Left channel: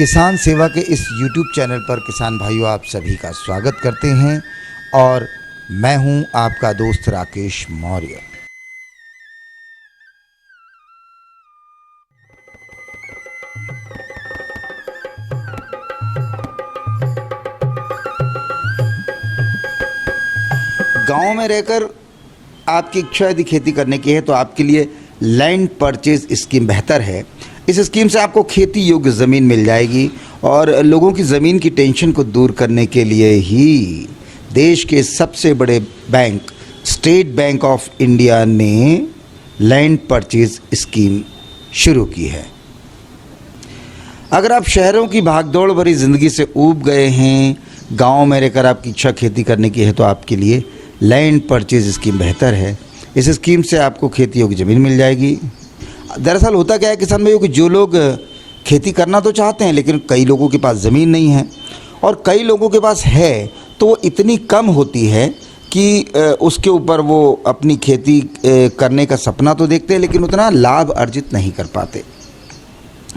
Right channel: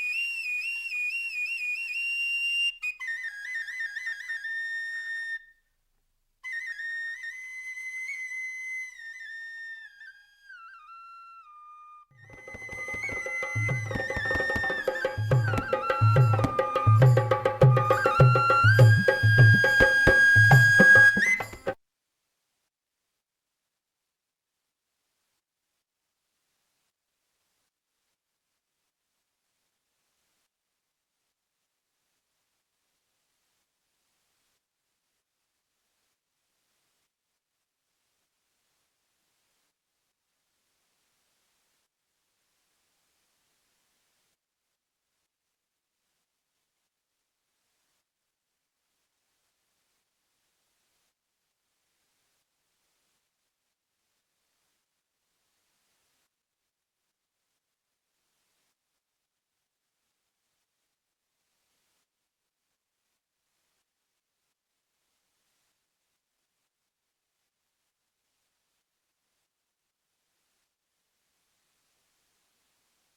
किसान सेवा के इस YouTube चैनल पर किसान भाइयों आप सभी का स्वागत करते हैं और मैं हूं आपका दोस्त राकेश मौर्य। गांव में रहकर आपकी इच्छा यदि खेती करने की है तो आपके लिए लैंड परचेज स्कीम बेहतर है। इस स्कीम से आपको खेती योग्य ज़मीन मिल जाएगी और लोगों की ज़मीन की टेंशन को दूर करने के लिए ही देश के सबसे बड़े bank state bank of India ने लैंड परचेज स्कीम शुरू की है। अगर आप शहरों की भागदौड़ भरी ज़िंदगी से ऊब गए हैं, गांव में रहकर आपकी इच्छा खेती करने की है तो आपके लिए लैंड परचेज स्कीम बेहतर है। इस स्कीम से आपको खेती योग्य ज़मीन मिल जाएगी। दरअसल होता क्या है किसान भाइयों कि जो लोग खेती करना तो चाहते हैं लेकिन कई लोगों के पास ज़मीन नहीं है और कई लोगों के पास है तो वो इतनी कम होती है कि उसके ऊपर वो अपनी खेती करने का सपना तो देखते हैं लेकिन उतना लाभ अर्जित नहीं कर पाते।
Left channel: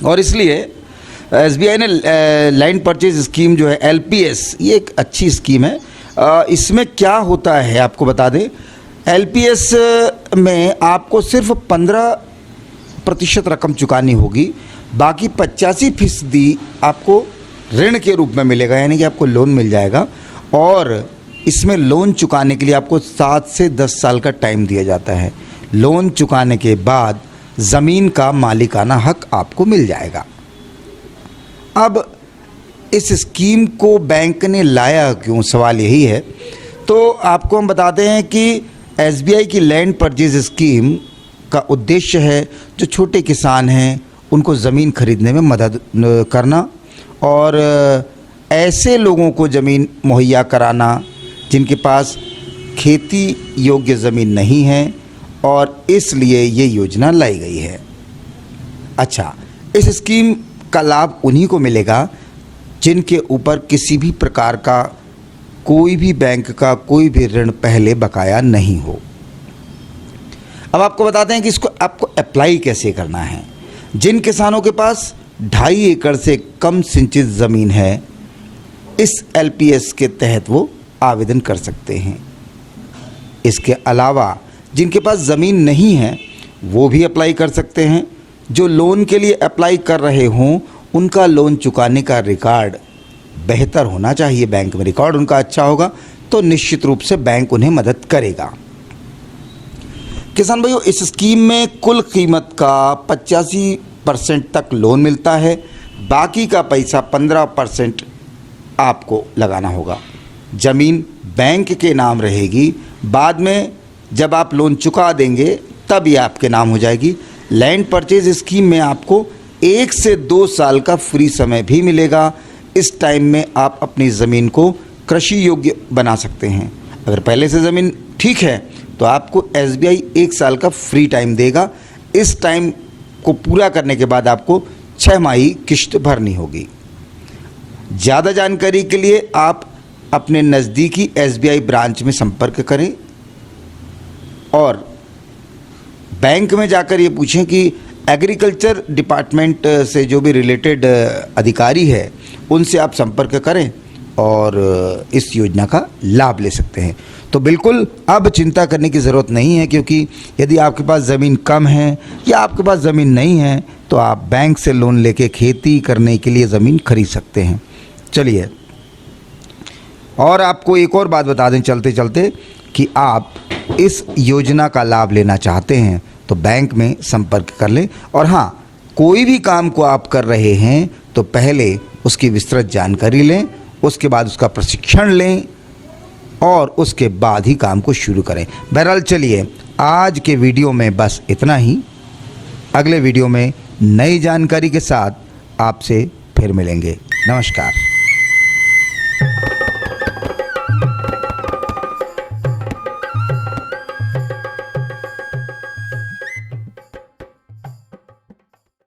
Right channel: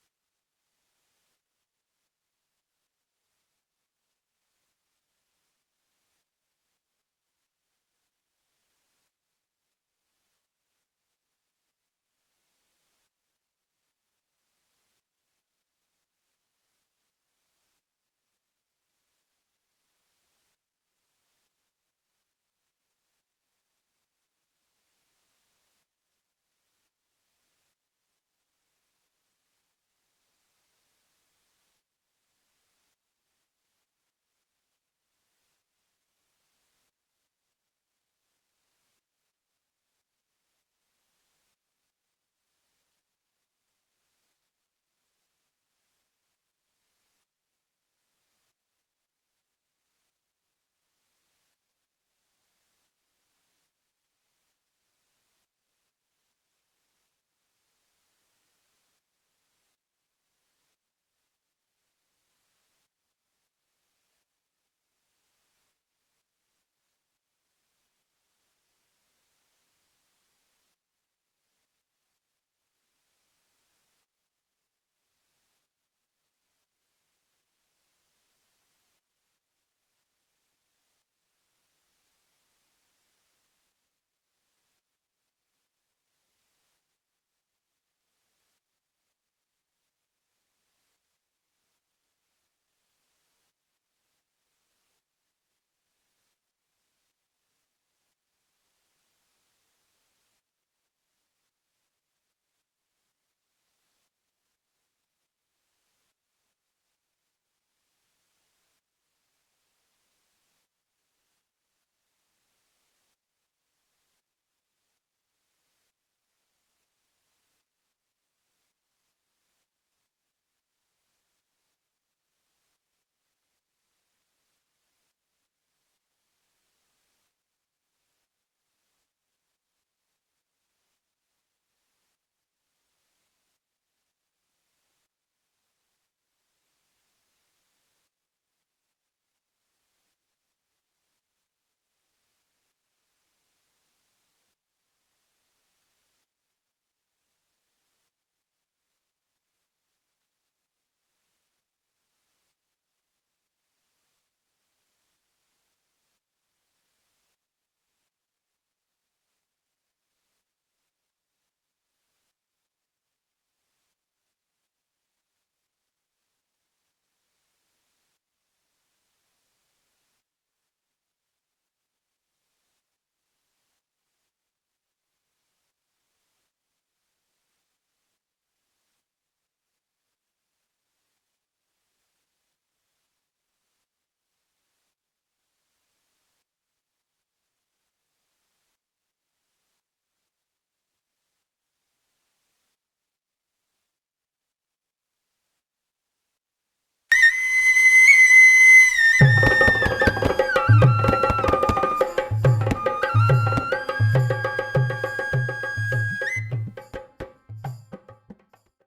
और इसलिए SBI ने लैंड परचेज स्कीम जो है LPS, ये एक अच्छी स्कीम है। इसमें क्या होता है आपको बता दें, LPS में आपको सिर्फ 15% रकम चुकानी होगी, बाकी 85% आपको ऋण के रूप में मिलेगा, यानी कि आपको लोन मिल जाएगा। और इसमें लोन चुकाने के लिए आपको 7 से 10 साल का टाइम दिया जाता है। लोन चुकाने के बाद ज़मीन का मालिकाना हक आपको मिल जाएगा। अब इस स्कीम को बैंक ने लाया क्यों, सवाल यही है। तो आपको हम बताते हैं कि SBI की लैंड परचेज स्कीम का उद्देश्य है जो छोटे किसान हैं उनको ज़मीन खरीदने में मदद करना और ऐसे लोगों को ज़मीन मुहैया कराना जिनके पास खेती योग्य ज़मीन नहीं है, और इसलिए ये योजना लाई गई है। अच्छा, इस स्कीम का लाभ उन्हीं को मिलेगा जिनके ऊपर किसी भी प्रकार का कोई भी बैंक का कोई भी ऋण पहले बकाया नहीं हो। अब आपको बताते हैं कि इसको आपको अप्लाई कैसे करना है। जिन किसानों के पास 2.5 एकड़ से कम सिंचित ज़मीन है, इस LPS के तहत वो आवेदन कर सकते हैं। इसके अलावा जिनके पास ज़मीन नहीं है वो भी अप्लाई कर सकते हैं। जो लोन के लिए अप्लाई कर रहे हों उनका लोन चुकाने का रिकॉर्ड बेहतर होना चाहिए। बैंक में रिकॉर्ड उनका अच्छा होगा तो निश्चित रूप से बैंक उन्हें मदद करेगा। किसान भाइयों, इस स्कीम में कुल कीमत का 85% तक लोन मिलता है, बाकी का पैसा 15% आपको लगाना होगा। ज़मीन बैंक के नाम रहेगी, बाद में जब आप लोन चुका देंगे तब ये आपके नाम हो जाएगी। लैंड परचेज स्कीम में आपको 1 से 2 साल का फ्री समय भी मिलेगा। इस टाइम में आप अपनी ज़मीन को कृषि योग्य बना सकते हैं। अगर पहले से ज़मीन ठीक है तो आपको SBI 1 साल का फ्री टाइम देगा। इस टाइम को पूरा करने के बाद आपको 6 माही किश्त भरनी होगी। ज़्यादा जानकारी के लिए आप अपने नज़दीकी SBI ब्रांच में संपर्क करें और बैंक में जाकर ये पूछें कि एग्रीकल्चर डिपार्टमेंट से जो भी रिलेटेड अधिकारी है उनसे आप संपर्क करें और इस योजना का लाभ ले सकते हैं। तो बिल्कुल अब चिंता करने की ज़रूरत नहीं है, क्योंकि यदि आपके पास ज़मीन कम है या आपके पास ज़मीन नहीं है तो आप बैंक से लोन लेके खेती करने के लिए ज़मीन खरीद सकते हैं। चलिए, और आपको एक और बात बता दें चलते चलते कि आप इस योजना का लाभ लेना चाहते हैं तो बैंक में संपर्क कर लें। और हाँ, कोई भी काम को आप कर रहे हैं तो पहले उसकी विस्तृत जानकारी लें, उसके बाद उसका प्रशिक्षण लें और उसके बाद ही काम को शुरू करें। बहरहाल चलिए, आज के वीडियो में बस इतना ही। अगले वीडियो में नई जानकारी के साथ आपसे फिर मिलेंगे। नमस्कार।